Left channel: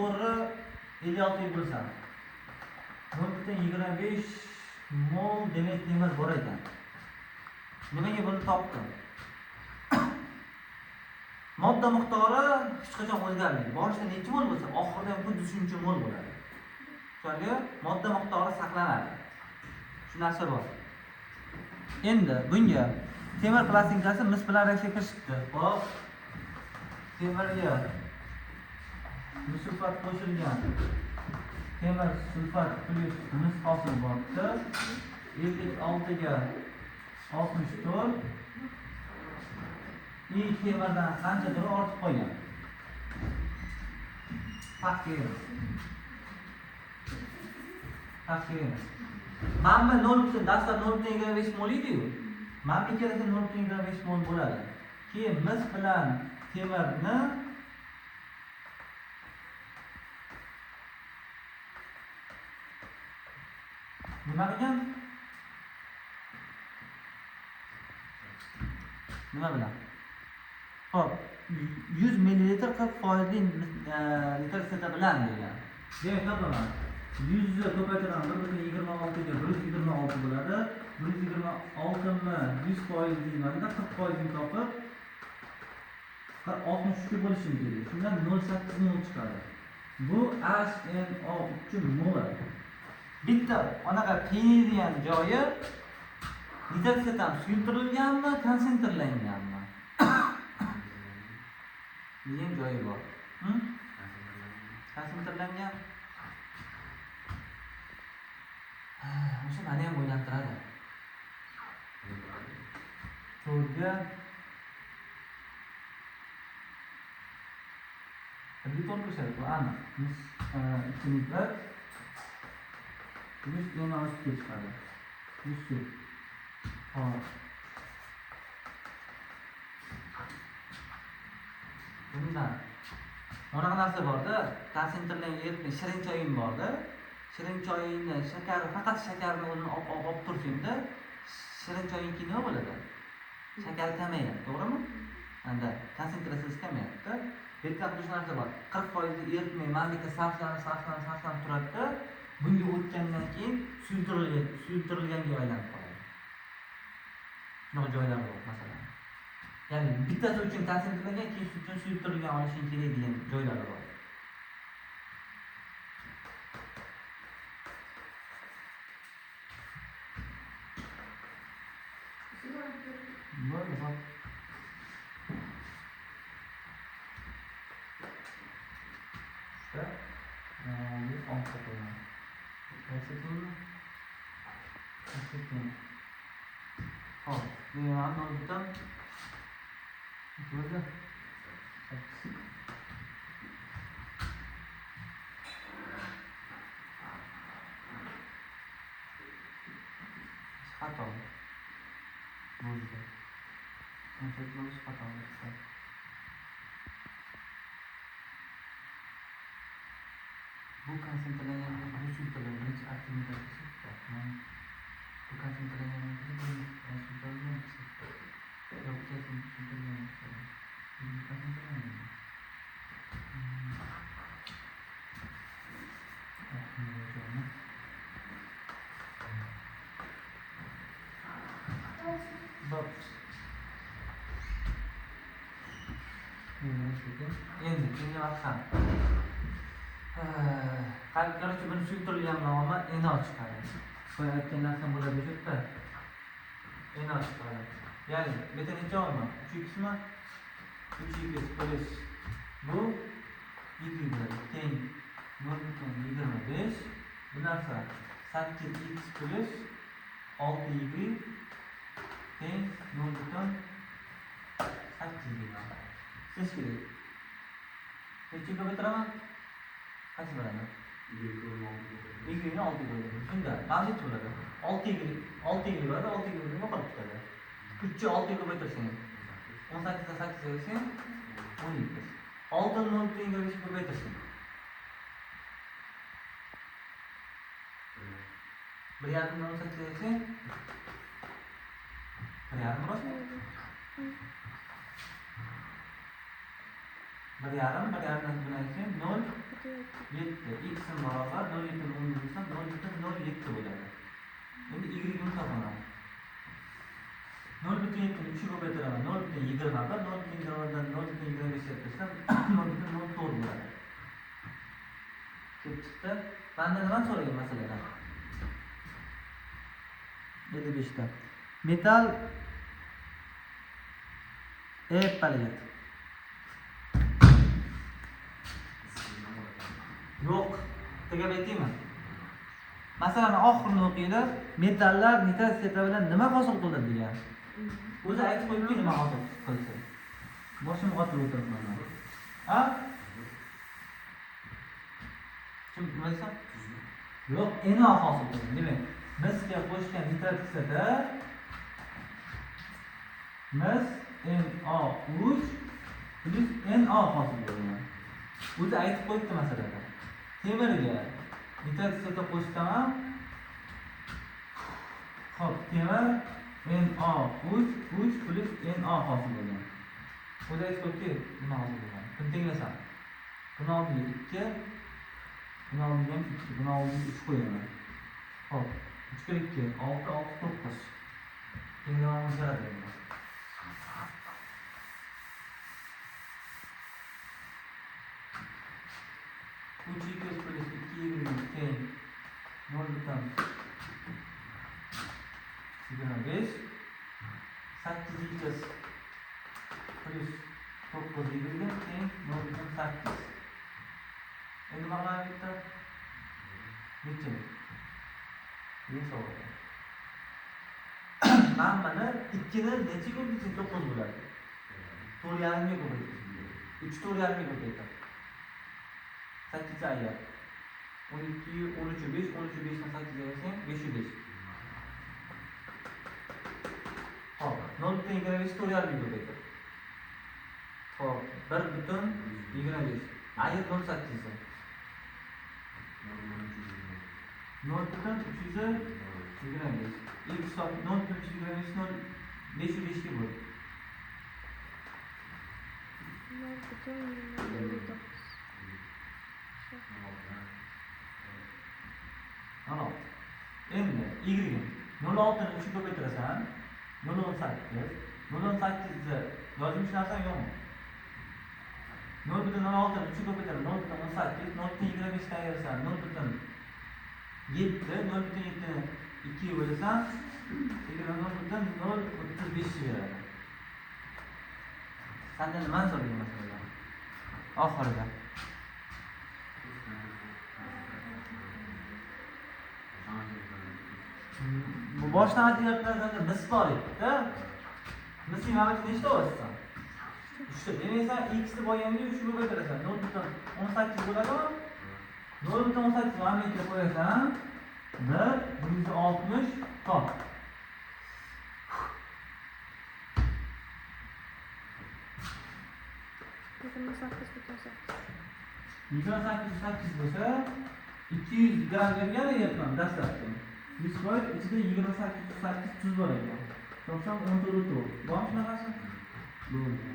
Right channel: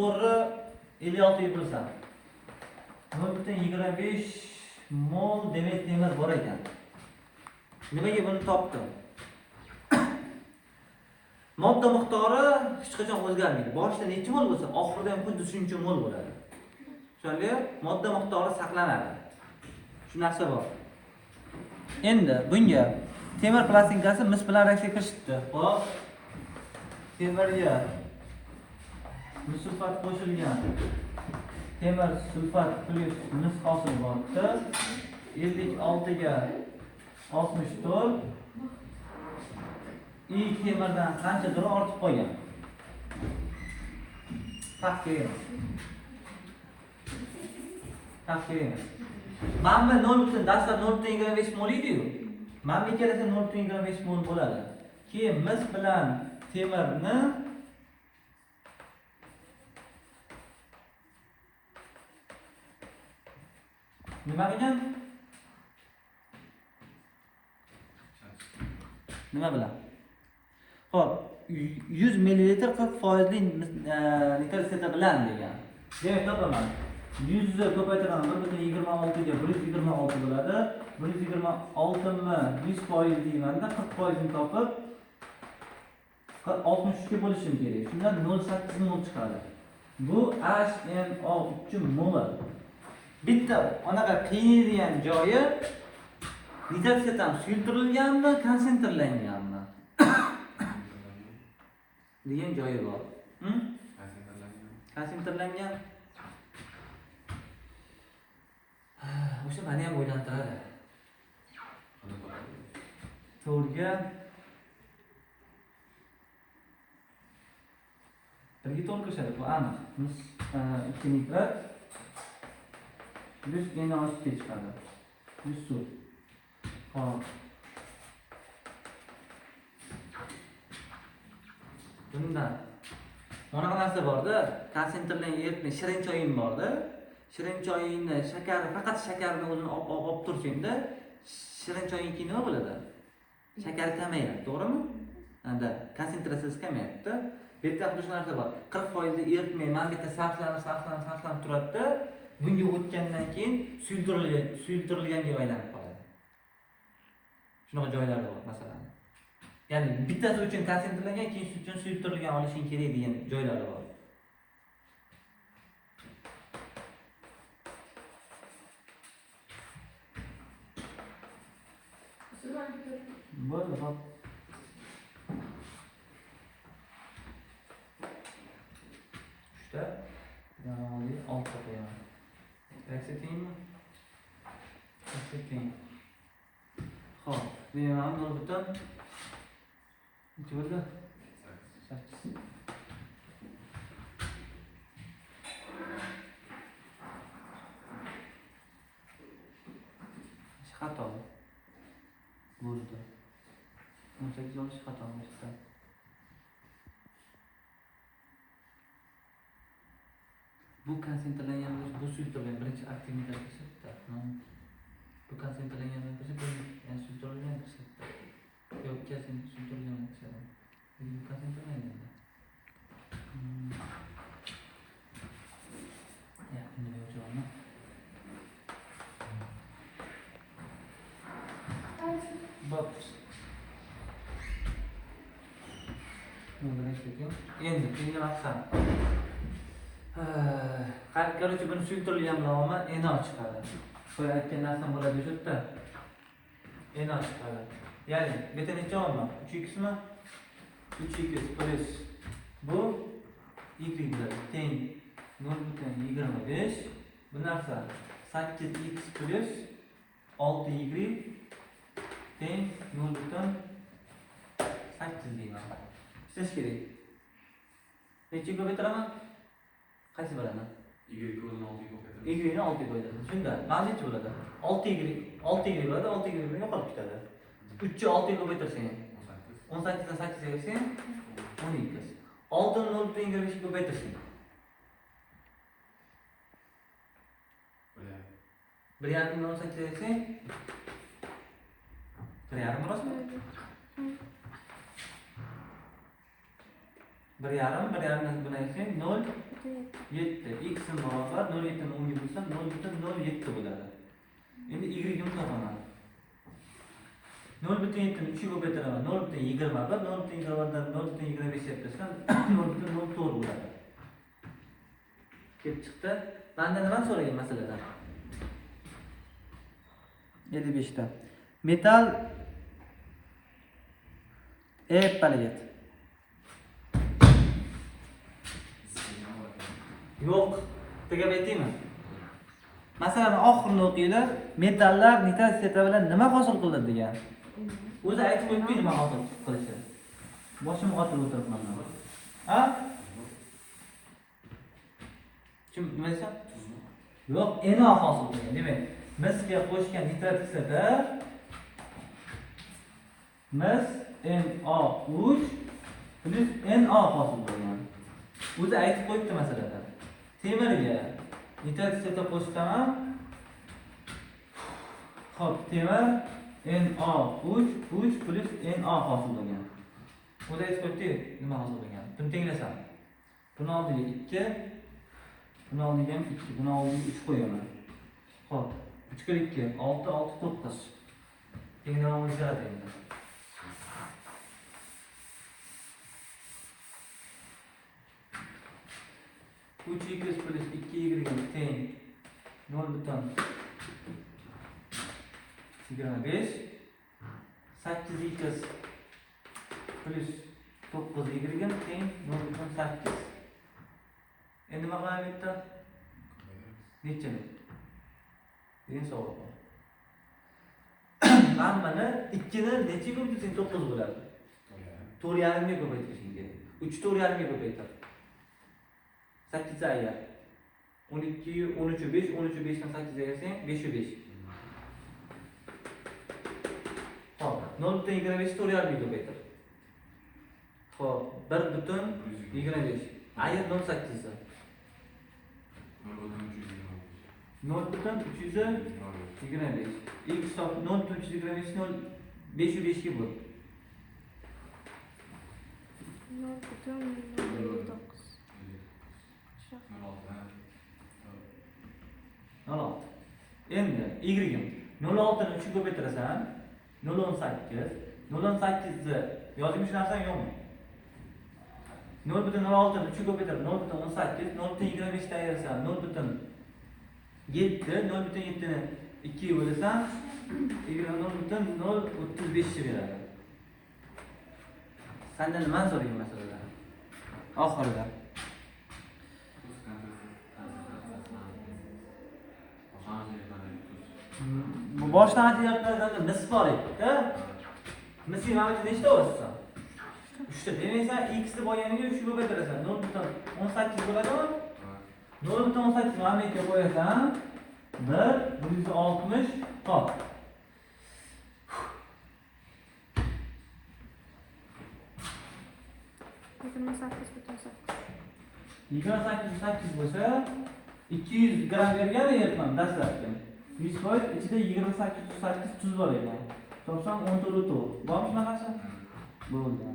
%56 bo'lsa 0,25 mol demak temir bor ekan. Nimaga buni topdim? Modda miqdori hech qachon o'zgarmaydi. Boshida necha mol bo'lsa, oxirida ham xuddi shuncha mol bo'ladi. Tushundingmi? Modda miqdori saqlanadi. Shu narsa bor. Endi bunga temir plastinkasi mis bilan reaksiya kirishdi. Hop. Temirga sulfat qo'shilgan. Temir sulfat plus mis hosil bo'ldi. 56 ga 64. Temirdan qanchadir ortib qolgan. Taqdirimiz. Mana 0.25 mol edi-yu. Mana ikkalasi 0.25 mol bo'ladi. Keyin mis bilan temirni nima qilgan? Nima bilan? Hop, 100 ml 40% nitrat seta bilan degan. Demak, topaman. 100 ni ko'paytiraman 1.26 ga 126 bo'ladi. 126 ni 100% deymanda 40% ni topib 63 ga bo'lishim kerak. Shundan 0.8 mol chiqadi. Bu HNO uchun mol. Bitta anaqa qiyilgan joyi nitrat setam suyultirilganmi, konsentrlanganmi? degan joyi bor. Konsentrlangan. O'sha meni ham o'ylantiradi. To'rga birga to'lqishadi, bu aniq. Biz 2 nitrat 100 meni olib chiqadi. 100 suv. Hop. Bundan bunaqa narsa bor-da, konsentrlangan ertni shirin choying bor-da. Shirin choyingni shakar, faqat shakarni o'zini olib tursangda, shirin choying keyin nima bo'ladi? Shakar kamayadi, to'g'rimi? Endi konsentratsiyasi kamayapti. Bu yerda ham shu narsa bor. 40% eritmay, mana bu yerda saflanib turadi-da, bunga o'tgandan keyin suyultirilgan deb aylanib qoladi. Shunaqa joylar bor, masalan. Ya'ni bittasi uchun konsentrlangan, keyin uchun suyultirilgan olishing kerak degan joylar bor. Bo'ldi, hop. Shunda mana olti qo'yaman. Qaysi kiyimmi? Qaysi kiyim? Hop, men ham bo'ldim. Bo'ldi. Xato. Bo'ldi. Bunchalik xato bo'ldi. Bu konsentrlangan bu suyultirilgan birinchi aktivitasi hisoblanadi. Bu konsentrlangan bu suyultirilgan yo'q, suyultirilgan bu konsentrlangan. Endi keyingi maqsad. Qaror buni suyultirilgan nomini NO chiqadi. Qo'yib aytgan narsam bo'ladi bu yerda. NO chiqadi. Ya'ni bitta necha olma? 3x mi? 3x plus bu y bo'ladi. Teng 0.25. Bu narsa 8x plus 6y teng 0.8y. Nech kerak? Necha ko'paytiraman? Qaysi bo'ladi? Y ni 6 bo'ladi. Shunda mavjud bo'ladi. 6y bo'ladi, 6y nima qolib ketadi? 3 ni 6 ga ko'paytirsang 18 dan 8 ga bersang 12. 6 ni 0.25 ga ko'paytirsang 1.5 ni 18 ga bersang 1.5 rostmi? 1,5 bilan etsang 0,7. X barobar 0,7 desam 0,07 bo'ladi. Endi y-ni topaman. 0,7 ni 3 ga ko'paytiraman. 0,20 va 0,20dan 0,25 ga desam 0,04 bo'ladi. Kelib chiqdi. Banda nima so'ragan masaladan? 7-5 ta. Metal palet. Yo'q, tegab aytaymi? Masalan, oxirini o'qiydi. Metallar nitrositeta bilan nima hosil qiladi degan. O'zi aytib qo'yibdi nima hosil qilishi. Boshim qotib o'tiribman. Ha? Kim bilmaysa? Yo'q, NO hosil qiladi. Demak, misga qo'shgan nitrositeta mis NO3 plus NO hosil bo'lgan. O'zi aytib qo'yibdi masalada. Temirga nitrositeta qo'shsam, xo'p, temir NO3 plus NO hosil bo'lgan. O'zi aytib qo'yibdi, nima hosil bo'lgan. Buni tenglasam. Buni oldiga 2, buni oldiga 2, buni oldiga 3 qo'yaman. Xo'p, 3 ga 2, 6, 6, 9. Tenglamamiz kerak. 3x plus 2y teng 0,5 8x plus 9y teng 0,8. Endi nima qilaman bitta? Necha? Eng savob. Hammani 2 ni necha ko'paytirsa 9 bo'ladi? 4,5 ga ko'paytirishga. 3 4,5 ga ko'paytiradi. 8 aya. 12, 13, 5, 13, 5 dan 8 ayasang 5, 5. Hop, 0,25 4,5 ko'paytir. Hop, 1,25. Aya 0,8 sa. 0,325. Ilk hisob 0,325 5 ga bo'l. Endi y 0,6 ni 3 ga ko'paytirasan 0,18. 0,18 ni yozmish narsang yo'qmi? 0,06 ni 3 ga ko'paytirib 0,18, 0,25 ta ayirasan 0,7, 0,7 ni 2 ga bo'lasan y 0,035 beradi. Sanda nima so'rayman masalada? Oxirida. Bu boshdan aytayotganlarga nisb bor edi-da. Misli mana bu nechta o'rsan? 3 ta. Demaysan x ni bo'lganiga 3 ga ko'paytirasan. 0,18 bo'ladimi? 0,18 mana bu yerga qo'yasan. 160 top. 28 bo'lsa 200 gram bergan ekan dastlabki. 100 foiz ichida 28 tuz bor ekan. Topsam 14 to'g'ri. Bormi shunaqasi? Bo'ldi.